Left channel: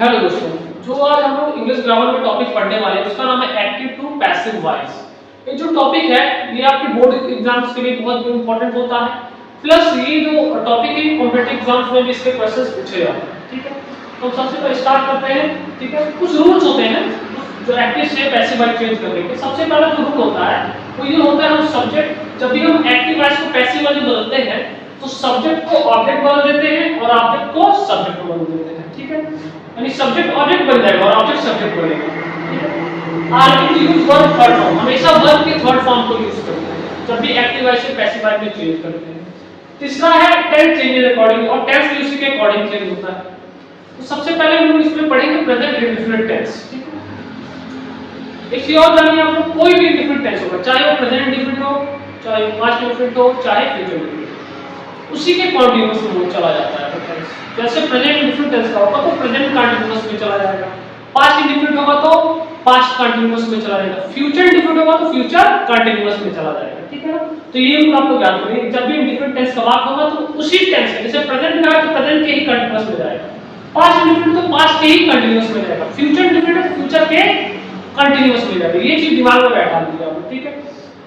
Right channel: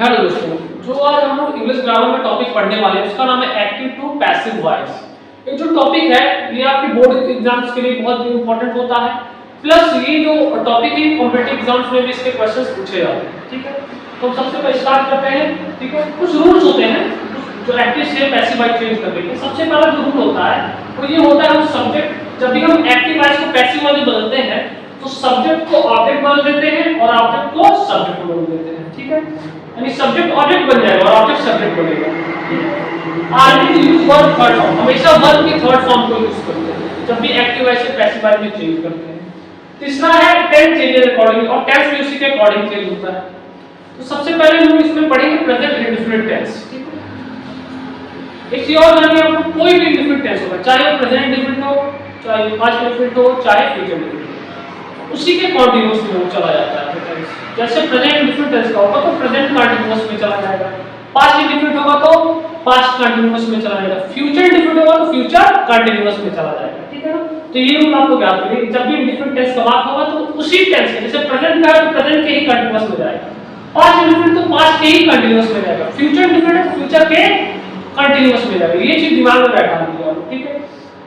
Hello दोस्तों, जो आज हम लोग इंग्लिश ग्रामर में टॉपिक पढ़ने वाले हैं उसका नाम है एक्टिव टू पैसिव वॉइस। ये जो टॉपिक है ये आपके बोर्ड एग्जाम्स के लिए बहुत इंपॉर्टेंट होता है। प्लस ये जो टॉपिक है कॉम्पिटिटिव एग्जाम्स में भी इसके क्वेश्चंस पूछे जाते हैं। ठीक है, तो हम सबसे पहले स्टार्ट करते हैं। ठीक है, कुछ रूल्स होते हैं जो एक्टिव से पैसिव वॉइस चेंज करने के। सबसे पहला जो रूल होता है वो ये होता है, हम सब्जेक्ट जब भी हम एक्टिव वॉइस को पैसिव वॉइस में बदलते हैं तो सब्जेक्ट को ऑब्जेक्ट बदल देते हैं और ऑब्जेक्ट को सब्जेक्ट में बदल देते हैं। ठीक है, यानी सब्जेक्ट ऑब्जेक्ट बन जाएगा और ऑब्जेक्ट सब्जेक्ट बनेगा। Always use verb third form, हमेशा वर्ब के थर्ड फॉर्म को यूज करते हैं जब भी एक्टिव वॉइस से पैसिव वॉइस में चेंज करते हैं। तीसरा है टेंस चेंजेस अकॉर्डिंग, और टेंस भी उसी के अकॉर्डिंग चेंज होता है। तो सबसे पहले हम इसमें पढ़ेंगे प्रेजेंट इंडेफिनिट टेंस। ठीक है, एक चीज और जानिए, आपको कोई भी इंडेफिनिट टेंस होगा, चाहे वो प्रेजेंट इंडेफिनिट हो, चाहे पास्ट इंडेफिनिट हो, चाहे फ्यूचर इंडेफिनिट, उसी के कॉन्टिन्यूअस में वो चला जाता है टेंस। जैसे प्रेजेंट इंडेफिनिट टेंस का होगा तो प्रेजेंट कॉन्टिन्यूअस में चला जाएगा, पास्ट इंडेफिनिट होगा तो पास्ट कॉन्टिन्यूअस में चला जाएगा, फ्यूचर इंडेफिनिट होगा तो फ्यूचर कॉन्टिन्यूअस में चला जाएगा। ठीक है ना, तो ये रूल आपको याद करिए, जब भी इंडेफिनिट टेंस का बात होगा तो उसी टेंस के, जैसे प्रेजेंट का है तो प्रेजेंट के ही कॉन्टिन्यूअस में जाएगा, पास्ट इंडेफिनिट तो पास्ट के ही कॉन्टिन्यूअस में जाएगा, फ्यूचर इंडेफिनिट तो फ्यूचर के कॉन्टिन्यूअस में जाएगा। ये चीज दिमाग में बैठा लीजिए आप। ठीक है,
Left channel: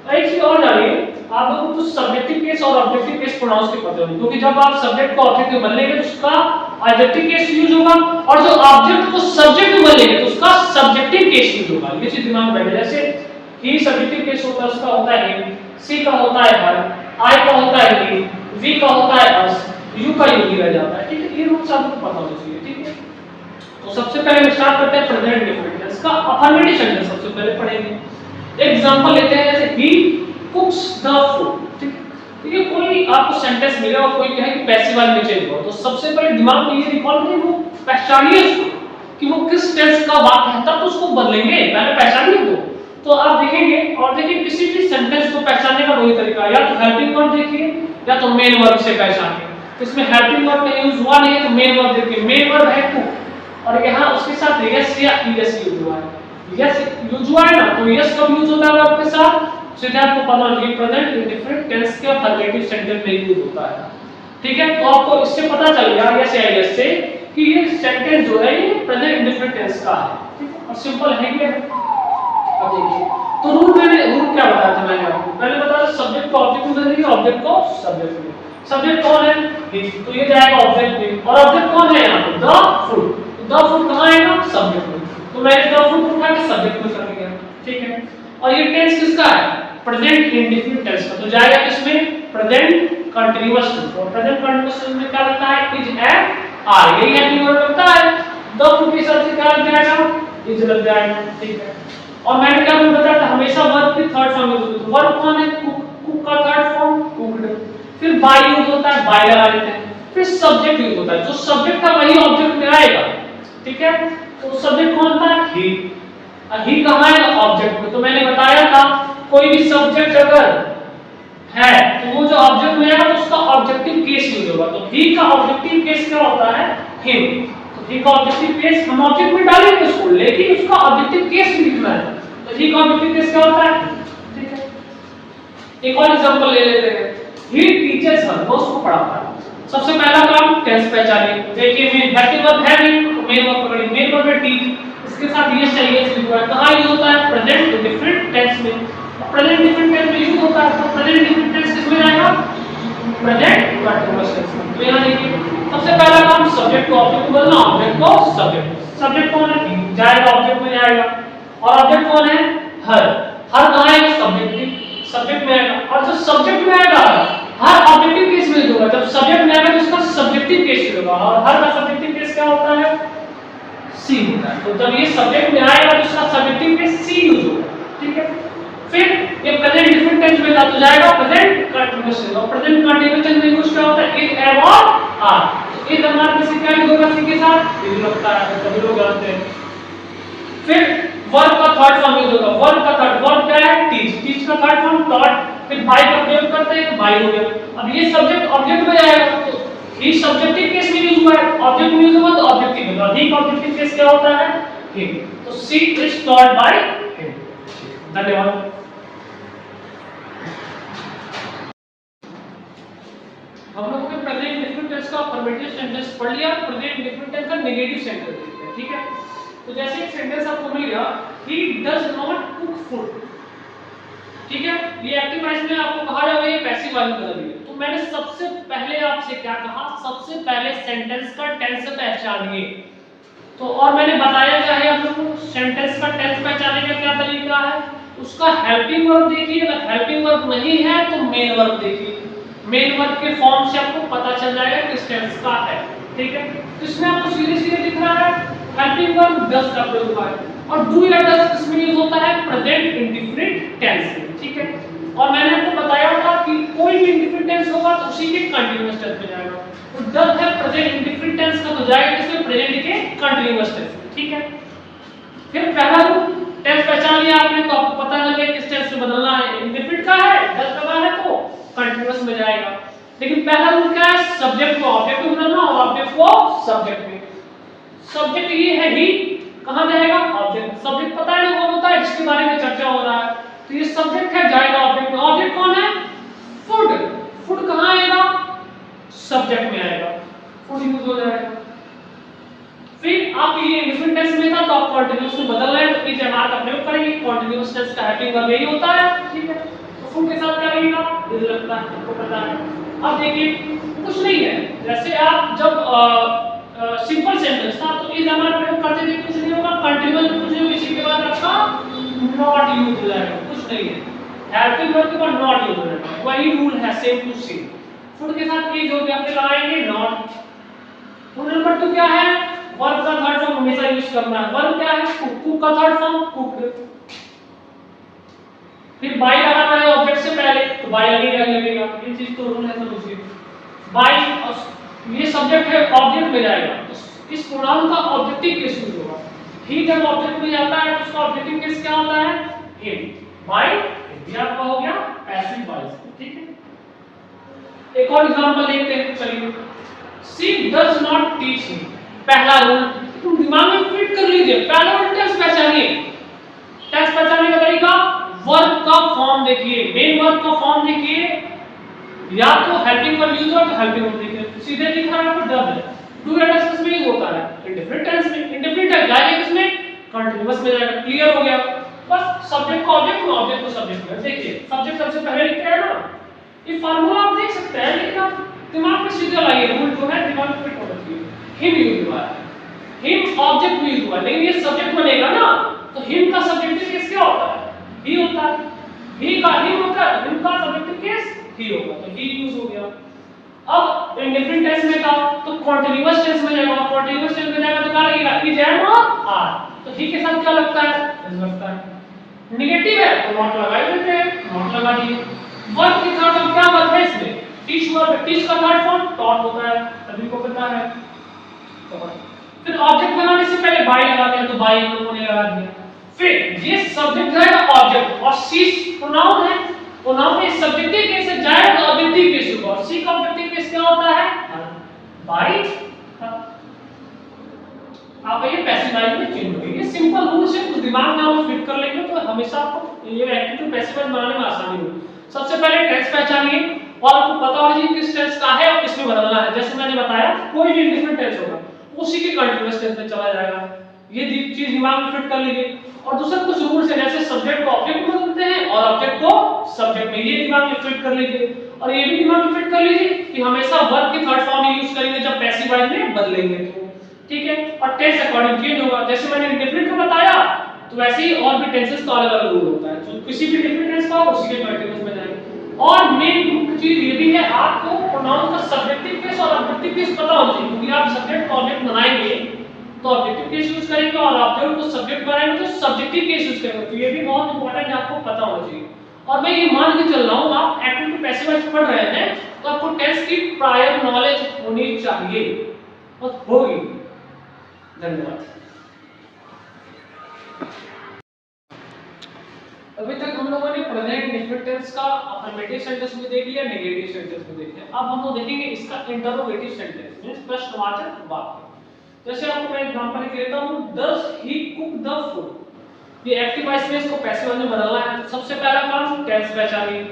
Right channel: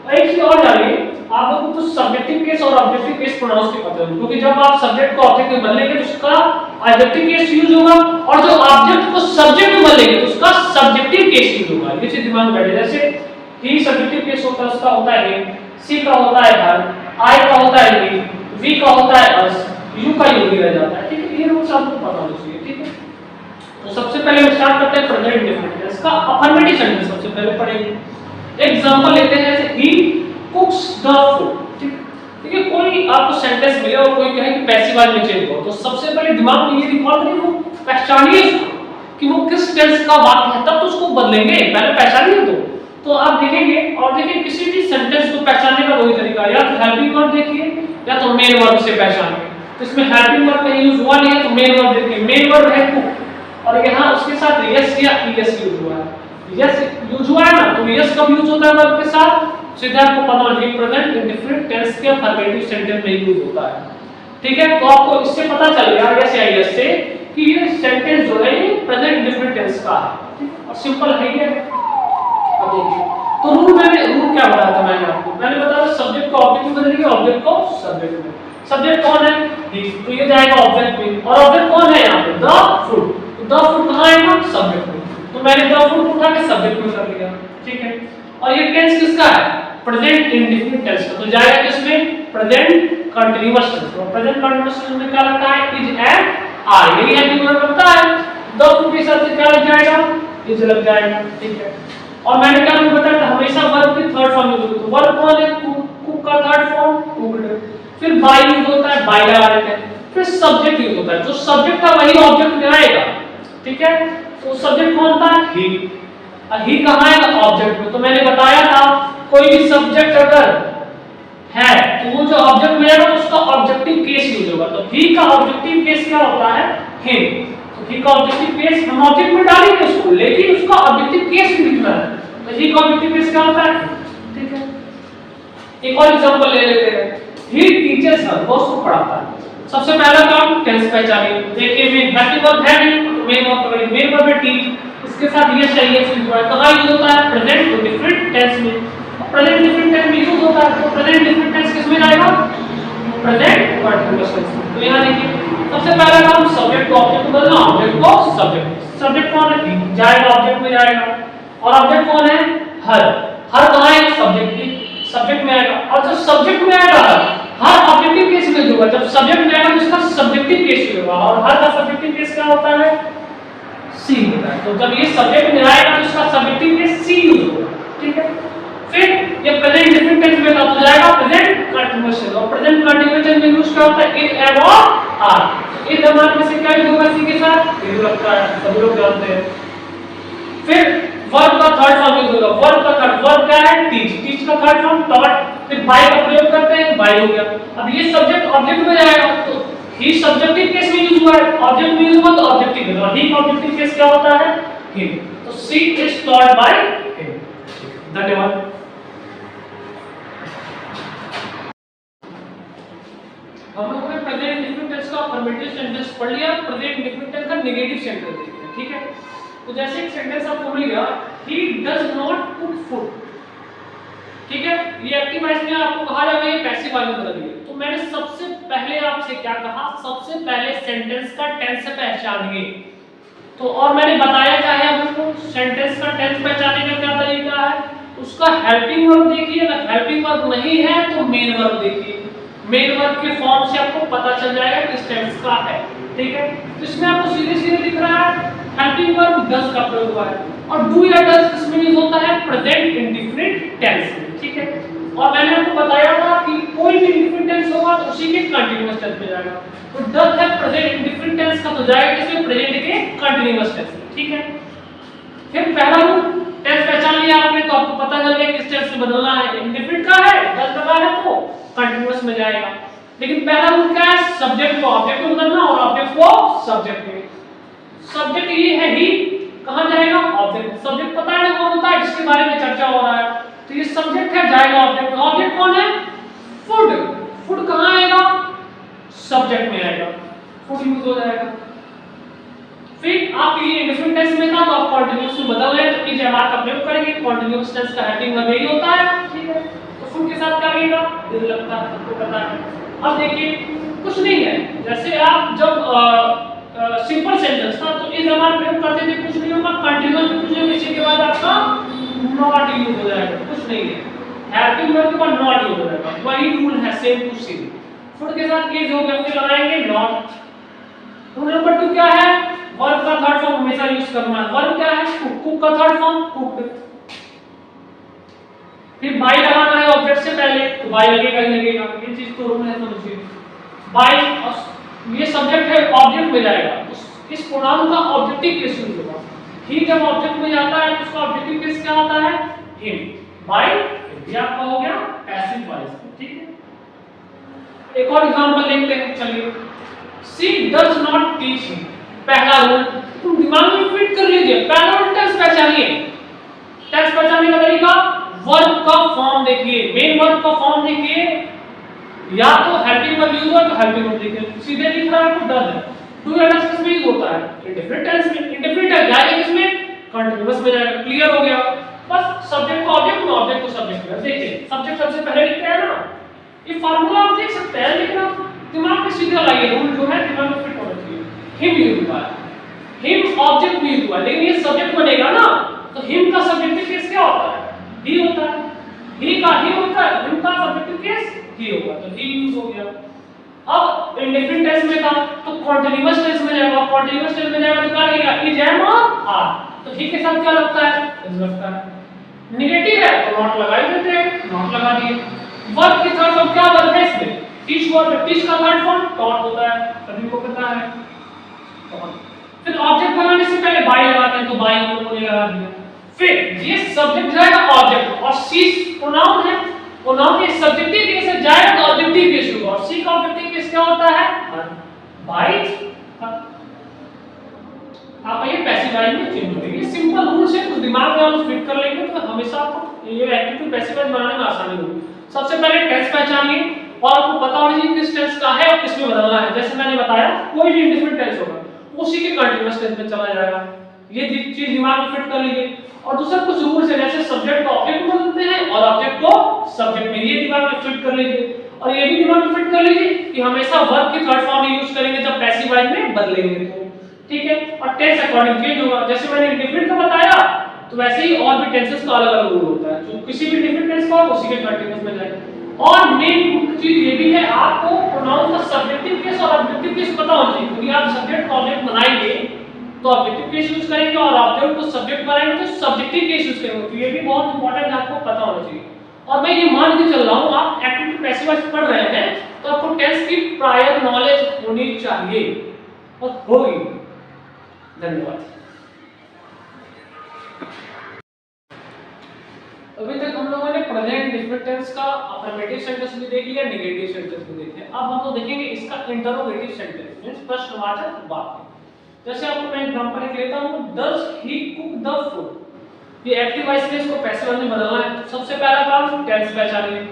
और एक चीज और जानिए, आप लोगों को तो सब्जेक्टिव केस और ऑब्जेक्टिव केस प्रोनाउंस के पता होंगे, क्योंकि जब आप सब्जेक्ट को ऑब्जेक्ट में बदलेंगे तो उसका ऑब्जेक्टिव केस यूज होगा, और जो ऑब्जेक्ट को सब्जेक्ट में बदलेंगे तो उसका सब्जेक्टिव केस यूज होगा। ये चीज दिमाग में बैठे। जैसे ही सब्जेक्टिव केस होता है, उसका होता है हिम, सी का होता है हर, आई का होता है वी, वी का होता है अस, यू का यू ही रह जाता है। ठीक है, ये रूल्स आपको पता होना चाहिए। ठीक है, तो सबसे पहले हम स्टार्ट करते हैं प्रेजेंट इंडेफिनिट। इसका अफर्मेटिव सेंटेंस सबसे पहले पढ़ेंगे। एग्जांपल लेते हैं, जैसे ही कुक्स द फूड। ठीक है, कोई आपको सेंटेंस मिले और कोई कहे कि पैसिव वॉइस में चेंज हो, तो सबसे पहले दिमाग में ये रिकॉल करिए, वो पहचानिए उसको कि वो किस टेंस का वाक्य है, तब तो उसको बदलेंगे, पहले पहचानिए। तो आप देखेंगे, और देखिए किसी भी सेंटेंस को पहचानने का वही तरीका, या तो हेल्पिंग वर्ब देखिए या तो मेन वर्ब से पहचानिए। तो इसमें हेल्पिंग वर्ब का यूज हुआ नहीं है तो मेन वर्ब देखिए, मेन वर्ब है कुक और यहाँ उसके साथ यस या ईएस यूज हुआ है। यस यूज हुआ है ना, तो यस कब यूज होता है वर्ब के साथ, सीधे आपको पता होना चाहिए प्रेजेंट इंडेफिनिट टेंस के अफर्मेटिव सेंटेंस में यूज होता है। ठीक है, तो आपको इससे पता चल गया यस या यस से कि ये सेंटेंस जो है ये प्रेजेंट इंडेफिनिट टेंस का है। ठीक है, और सिंपल है ये। अब देखिए, तो रूल क्या बताया था मैंने आपको, मैंने बताया सब्जेक्ट को ऑब्जेक्ट में बदलेंगे, ऑब्जेक्ट को सब्जेक्ट में। सब्जेक्ट कौन है, तो ये जाएगा ऑब्जेक्ट में, और ऑब्जेक्ट कौन है यहाँ पे, द फूड। द फूड कहाँ आएगा, सब्जेक्ट में, तो मैंने द फूड को उठा के सब्जेक्ट में कर दिया। ठीक है, और ये टेंस किसका है, प्रेजेंट इंडेफिनिट टेंस का, तो जाएगा किसमें, प्रेजेंट कंटीन्यूअस टेंस। तो प्रेजेंट कंटीन्यूअस टेंस में क्या लगता है, इज एंड आर, यही हेल्पिंग वर्ब लगता है। द फूड के हिसाब से क्या लग जाएगा, इज लग जाएगा। ठीक है, और मैंने क्या बताया था, हमेशा वर्ब के थर्ड फॉर्म यूज होता है। वर्ब कौन है, कुक, कुक का थर्ड फॉर्म कुक्ड, फिर बाय यूज होता है, बाय लगा देते हैं, फिर सब्जेक्ट यूज होता है, जो सब्जेक्ट था वही ऑब्जेक्ट में आएगा। ठीक है, तो सब्जेक्ट कौन था, ही, ही कहाँ है, ऑब्जेक्ट में। तो मैंने बताया था कोई भी सब्जेक्ट अगर है तो वो जो ऑब्जेक्ट में आएगा तो उसका ऑब्जेक्टिव केस यूज होगा। तो ही का ऑब्जेक्टिव केस क्या होता है, हिम। तो ही का ऑब्जेक्टिव केस हम ऑब्जेक्ट में डालेंगे उसको, लेकिन उसका ऑब्जेक्टिव केस भी लिखना है। तो ही का ऑब्जेक्टिव केस क्या होता है। ठीक है, एक और एग्जांपल ले लेते हैं, ही टीचर्स हर, वो उसको पढ़ाता है। सबसे पहला काम टेंस पहचानिए। देखिए मेन हेल्पिंग वर्ब है नहीं तो मेन वर्ब पकड़िए, मेन वर्ब है टीच, इसके साथ ये चाहिए यूज हुआ है, कहां यूज होता है, प्रेजेंट इंडेफिनिट टेंस में। प्रेजेंट इंडेफिनिट टेंस में यूज होता है, तो प्रेजेंट इंडेफिनिट टेंस किस में जाएगा, प्रेजेंट कंटीन्यूअस टेंस में। तो यहां देखिए सबसे पहला काम सब्जेक्ट को ऑब्जेक्ट में बदलना, ऑब्जेक्ट को सब्जेक्ट। सब्जेक्ट कौन है, जाएगा ऑब्जेक्ट में जाएगा, और ऑब्जेक्ट कौन है, हर। हर कहां है, सब्जेक्ट में आएगा, और जब सब्जेक्ट में आएगा हर ऑब्जेक्टिव केस में होगा, जब सब्जेक्ट में आएगा तो उसका सब्जेक्टिव केस होगा, और हर का सब्जेक्टिव केस क्या होता है, सी होता है। तो जब ये सब्जेक्ट में आएगा तो उसका सब्जेक्टिव केस सी यूज होगा। ठीक है, फिर ये प्रेजेंट इंडेफिनिट टेंस में था तो जाएगा प्रेजेंट कंटीन्यूअस टेंस, और प्रेजेंट कंटीन्यूअस टेंस में यूज क्या होता है, इज, एम और आर। इज हमारे में से क्या यूज होगा, सी के साथ इज लगता है, सभी लोग जानते हैं। फिर वर्ब का थर्ड फॉर्म यूज होगा, वर्ब का थर्ड, वर्ब क्या है, टीच, टीच का थर्ड फॉर्म टॉट, फिर बाय का प्रयोग करते हैं, बाय हो गया। अब ये सब्जेक्ट ऑब्जेक्ट में जाएगा तो ही सब्जेक्टिव केस में यूज हुआ है, ऑब्जेक्ट में यूज हुआ तो ऑब्जेक्टिव में, और ही का ऑब्जेक्टिव केस क्या होता है, हिम। तो सी इज टॉट बाय हिम। धन्यवाद। हम लोगों ने प्रेजेंट इंडेफिनिट टेंस का अफर्मेटिव सेंटेंस पढ़ लिया, प्रेजेंट इंडेफिनिट टेंस का नेगेटिव सेंटेंस देख लिया। हैं, ठीक है। तो जैसे एक सेंटेंस आपको मिल गया, he does not cook food, ठीक है, ये एक्टिव वॉइस में आपको कहा जाएगा ये पैसिव वॉइस में बदल दिए। तो मैंने सबसे पहले आपसे क्या कहा, सबसे पहले सेंटेंस का टेंस पहचानिए। तो और मैंने बताया क्या है आपको, सेंटेंस का टेंस पहचानने का क्या तरीका है, उसका हेल्पिंग वर्ब देखिए, अगर हेल्पिंग वर्ब नहीं है तो मेन वर्ब देखिए, मेन वर्ब के फॉर्म से आपको पता चल जाएगा किस टेंस का है, ठीक है। तो इसमें आपको सीधे सीधे दिख रहा है हेल्पिंग वर्ब डज का प्रयोग हुआ है, और डू या डज किसमें यूज होता है, प्रेजेंट इंडेफिनिट टेंस में, ठीक है। और मैंने आपको बताया था कि कोई भी इंडेफिनिट टेंस होगा तो उसी के कंटीन्यूअस टेंस में जाएगा। तो डज है प्रेजेंट इंडेफिनिट टेंस का, तो जाएगा किसमें, प्रेजेंट के कंटीन्यूअस टेंस में, ठीक है। फिर पहला रूल टेंस पहचान लिया आपने, तो आपको पता चल गया किस टेंस में बदलना है, इंडेफिनिट का है, डज लगा है तो कंटीन्यूअस में जाएगा। लेकिन पहला रूल क्या है, सब्जेक्ट को ऑब्जेक्ट में बदलना और ऑब्जेक्ट को सब्जेक्ट में। सब्जेक्ट ये है ही, कहां जाएगा, ऑब्जेक्ट। सब्जेक्ट पता है ना कौन होता है, जिसके बारे में चर्चा हो रहा है, तो ये सब्जेक्ट है, जाएगा ऑब्जेक्ट में। ऑब्जेक्ट कौन है, फूड। फूड कहां आएगा, सब्जेक्ट में आएगा, फूड यूज हो जाएगा। फिर आपके लिए इंडेफिनिट टेंस में था तो आप कंटीन्यूअस में बदल रहे हैं तो इज का प्रयोग करेंगे, कंटीन्यूअस टेंस का हेल्पिंग वर्ब यही होता है, ठीक है। तो फूड के साथ क्या लगेगा, इज लगता है, आपको पता है। अब देखिए कुछ नहीं है, जैसे आप जब सिंपल सेंटेंस था तो इज प्रयोग करते थे, कुछ नहीं होगा, कंटीन्यूअस कुछ नहीं, इसी के बाद आपका नॉट यूज हो जाएगा, कुछ नहीं है, हेल्पिंग वर्ब के बाद नॉट यूज हो जाएगा, वही रूल है सेम टू सेम। फूड के साथ इज हो गया, फिर लगाएंगे नॉट। रूल नंबर 2 क्या है, वर्ब का थर्ड फॉर्म हमेशा यूज करना है। वर्ब क्या है, कुक, कुक का थर्ड फॉर्म कुक्ड। फिर बाय लगाना है ऑब्जेक्ट से पहले, तो बाय लगेगा ही लगेगा, ये चीज तो रूल है, समझिए। बाय ये सब्जेक्ट है, ऑब्जेक्ट में जाएगा, तो इस प्रोनाउन का ऑब्जेक्टिव केस यूज होगा। ही जब ऑब्जेक्ट में जाता है तो उसका ऑब्जेक्टिव केस क्या होता है, हिम। बाय ये आपका हो गया पैसिव वॉइस, ठीक है। एक और एग्जांपल देखते हैं, चलिए। She does not teach him, पहला रूल तुम दिमाग में फिट कर लीजिए, पहला रूल टेंस पहचानिए। टेंस पहचानने का तरीका, वर्ब का फॉर्म देखिए, मेन वर्ब का फॉर्म देखिए, या तो हेल्पिंग वर्ब यूज हुआ तो हेल्पिंग वर्ब देखिए, सीधे लिख रहा है आपको डज है, डू या डज किसमें यूज होता है, इंडेफिनिट टेंस में। इंडेफिनिट है, जाएगा किसमें, कंटीन्यूअस में जाएगा, क्लियर हो गया। बस सब्जेक्ट को ऑब्जेक्ट में, ऑब्जेक्ट को सब्जेक्ट में। देखिए सब्जेक्ट सबसे पहले लिखते हैं ना, ये फार्मूला आप देख सकते हैं, लेकिन आप दिमाग में सीधा लाइए, रूल जो है दिमाग में फिट होना चाहिए। हिम यूज हुआ है, हिम ऑब्जेक्ट में यूज हुआ है, लेकिन ये सब्जेक्ट बनेगा ना, तो हिम का सब्जेक्टिव केस क्या होता है, ही होता है। ही का ही होता है, हिम का सब्जेक्टिव केस ही होगा, तो ही यूज हो गया। अब इंडेफिनिट टेंस में था तो कंटीन्यूअस टेंस में जाएगा, कंटीन्यूअस टेंस में जाएगा तो क्या लगेगा, इज एम और आर, तो ही के साथ क्या लगता है, इज लगता है। नेगेटिव है तो नॉट लगा देते हैं, नॉट लगा दिए। वर्ब के थर्ड फॉर्म क्या वर्ब है इसमें, टीच वर्ब, टीच का थर्ड फॉर्म टॉट होता है, सभी को पता है। फिर ऑब्जेक्ट बनाने से पहले बाय लगाते हैं, तो बाय हम लोगों ने लगा दिया। फिर ये सब्जेक्ट जाएगा ऑब्जेक्ट, और सी प्रोनाउन है, प्रोनाउन के सब्जेक्टिव केस से जाएगा तो ऑब्जेक्टिव केस होगा, और सी का ऑब्जेक्टिव केस क्या होता है, बाय। आप ये पैसिव वॉइस में चेंज होगी, ये सिंपल रूल से कुछ दिमाग में आप फिट कर लेंगे तो हमेशा आपको ये एक्टिव टू पैसिव वॉइस बनाने में आसानी होगी। सबसे पहले टेंस पहचानिए और आपको पता होना चाहिए किस टेंस का है और किस में बदलना है। जैसे मैंने बताया कोई भी इंडेफिनिट टेंस होगा उसी के कंटीन्यूअस टेंस में चला जाएगा, ये चीज दिमाग में फिट कर लीजिए। और दूसरा कुछ रूल्स है, जैसे सब्जेक्ट को ऑब्जेक्ट में बदलते हैं और ऑब्जेक्ट को सब्जेक्ट में, ये दिमाग में फिट कर लीजिए। और ये भी दिमाग में फिट कर लीजिए कि हमेशा वर्ब की थर्ड फॉर्म ही यूज करेंगे जब पैसिव वॉइस में बदलेंगे तो, ठीक है। और टेंस अकॉर्डिंग चेंज होगा, जैसे मैंने इंडेफिनिट का बताया तो वैसे ही और भी टेंसेस का अलग-अलग रूल होता है, तो किसी भी डिफरेंट टेंस का उसी के कंटीन्यूअस में जाएगा। और मेन चीज ये भी है, आपको प्रोनाउन का सब्जेक्टिव केस और ऑब्जेक्टिव केस पता होना चाहिए, क्योंकि आप सब्जेक्ट को ऑब्जेक्ट बनाएंगे तो ऑब्जेक्टिव केस यूज करेंगे और ऑब्जेक्ट को सब्जेक्ट बनाएंगे तो सब्जेक्टिव केस यूज करेंगे, तो ये भी बहुत इंपॉर्टेंट है, आपको पता होना चाहिए। और मैं ये मान के चल रहा हूं आप एक्टिव टू पैसिव वॉइस पढ़ रहे हैं तो आपको टेंस की प्रायर नॉलेज होनी चाहिए और होगी। धन्यवाद। अभी तक हम लोगों ने प्रेजेंट इंडेफिनिट टेंस का अफर्मेटिव सेंटेंस भी देख लिया, नेगेटिव सेंटेंस भी देख लिया। अब हम लोग देखेंगे इसका इंटरोगेटिव सेंटेंस मींस प्रश्नवाचक वाक्य। जैसे आपको मैं एग्जांपल लेके देता हूं, does he cook the food, ये एक्टिव वॉइस में इसको पैसिव वॉइस में बदलना है। सबसे पहला काम टेंस पहचानिए,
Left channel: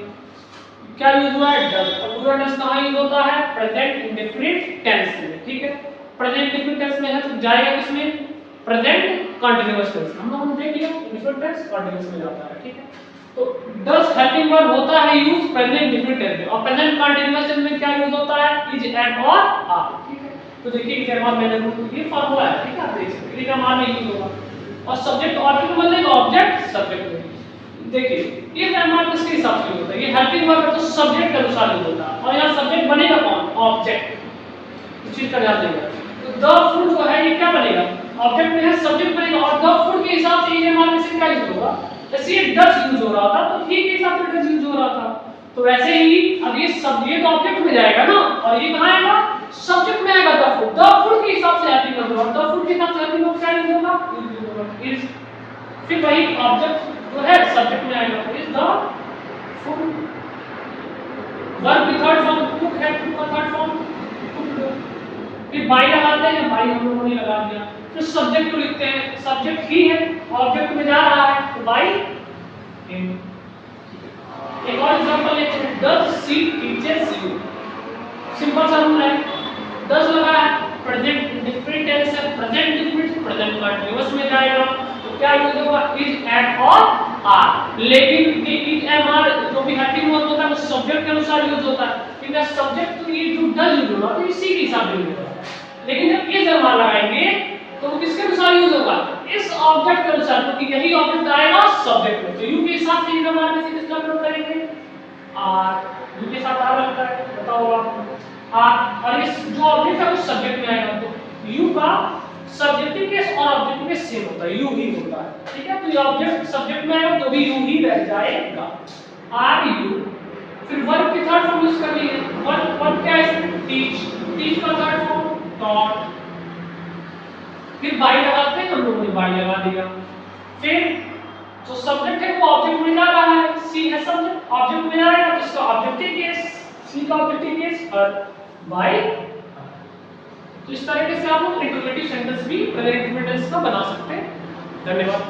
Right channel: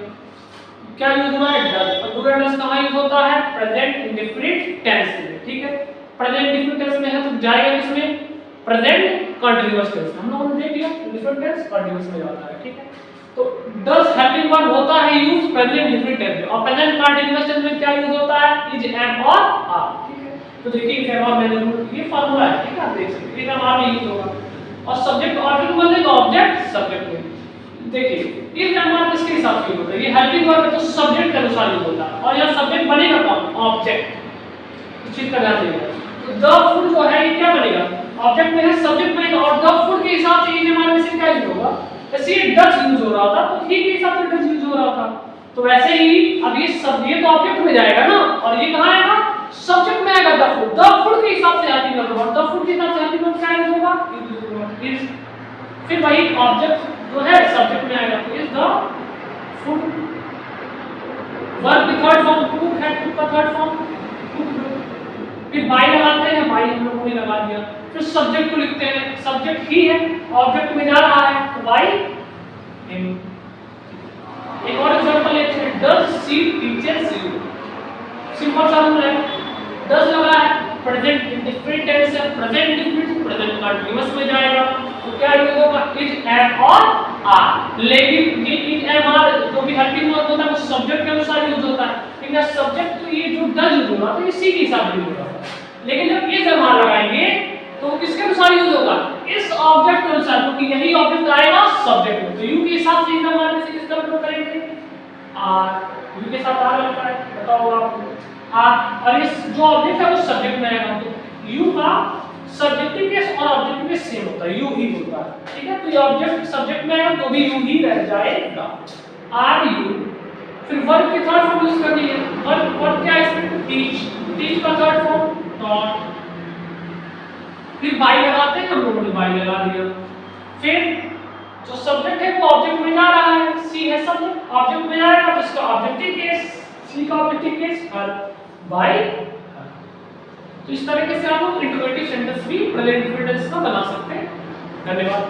क्या यूज हुआ है, डज। डू या डज कहां यूज होता है, प्रेजेंट इंडेफिनिट टेंस में, ठीक है। प्रेजेंट इंडेफिनिट टेंस में है तो जाएगा किसमें, प्रेजेंट कंटीन्यूअस टेंस, हम लोगों ने देख लिया डिफरेंट टेंस कंटीन्यूअस में जाता है, ठीक है। तो डज हेल्पिंग वर्ब होता है यूज प्रेजेंट डिफरेंट टेंस में, और प्रेजेंट कंटीन्यूअस टेंस में क्या यूज होता है, इज, एम और आर, ठीक है। तो देखिए इस एम और मैंने ये फार्मूला है, ठीक है, आप देख सकते हैं, एम आर में यूज होगा। और सब्जेक्ट ऑब्जेक्ट बनेगा, ऑब्जेक्ट सब्जेक्ट में। देखिए इस एम आर किसके हिसाब से होता है, ये हेल्पिंग वर्ब है तो सब्जेक्ट के अनुसार यूज होता है, और यहाँ सब्जेक्ट बनेगा कौन, ऑब्जेक्ट, इस चीज का ध्यान देगा। तो द फूड जो है ये क्या बनेगा, ऑब्जेक्ट में है, सब्जेक्ट में, और द फूड के हिसाब से ये हमारे से क्या यूज होगा, जैसे ये डज यूज हो रहा था तो ही के हिसाब से डज यूज हो रहा था, तो वैसे ही अब ये सब ये तो ऑब्जेक्ट में जाएगा ना, और ये कहां आएगा, सब्जेक्ट में आएगा। द फूड के हिसाब से हेल्पिंग वर्ब होगा, द फूड के हिसाब से हेल्पिंग वर्ब क्या यूज होगा, इज, फिर वही ऑब्जेक्ट जो है सब्जेक्ट में आएगा, तो इज द फूड। वर्ब की थर्ड फॉर्म कुक है, कुक का थर्ड फॉर्म कुक। फिर बाई लगाते हैं, बाई हम लोगों ने लगा दिया, फिर सब्जेक्ट को लिखते हैं, सब्जेक्ट ही है, ऑब्जेक्ट में जा रहा है तो बाई हिम। एक और एग्जांपल लेते हैं, does she teaches you, simple सा रूल है, डज लगा है, प्रेजेंट इंडिफरेंट टेंस है, प्रेजेंट इंडिफरेंट प्रेजेंट कंटीन्यूअस में जाएगा, तो क्या यूज होगा, इज, एम और आर। लेकिन ये इज, एम, आर जो भी हेल्पिंग वर्ब होता है वो सब्जेक्ट के अनुसार यूज होता है, लेकिन सब्जेक्ट तो ये जो डज यूज होगा तो इसी के हिसाब से यूज होगा। लेकिन जब इज, एम, आर लगाएंगे तो किसके अनुसार यूज होगा, इस ऑब्जेक्ट के अनुसार, क्योंकि यही ऑब्जेक्ट आएगा सब्जेक्ट में, तो यू के हिसाब से इज, एम, आर में से किसका प्रयोग करेंगे, आर। यू के साथ आर लगता है, पता होगा आपको आर, और ये जो ऑब्जेक्ट है वो सब्जेक्ट में आएगा, तो यू का सब्जेक्टिव केस और ऑब्जेक्टिव केस सेम होता है, यू ही होता है, ठीक है। तो ये ऑब्जेक्ट सब्जेक्ट में आएगा तो भी यू ही रह जाएगा, आर यू। फिर वर्ब की थर्ड फॉर्म यूज करनी है, वर्ब क्या है इसमें, टीच, टीच का थर्ड फॉर्म टॉट। फिर बाई लगाते हैं, हम लोगों ने बाई लगा दिया। फिर जो सब्जेक्ट है वो ऑब्जेक्ट में जा रहा है, सी है सब्जेक्ट, ऑब्जेक्ट में आएगा तो इसका ऑब्जेक्टिव केस, सी का ऑब्जेक्टिव केस हर, बाई। तो इस तरीके से आप लोग इंट्रोगेटिव सेंटेंस भी प्रेजेंट टेंस का बना सकते हैं। धन्यवाद।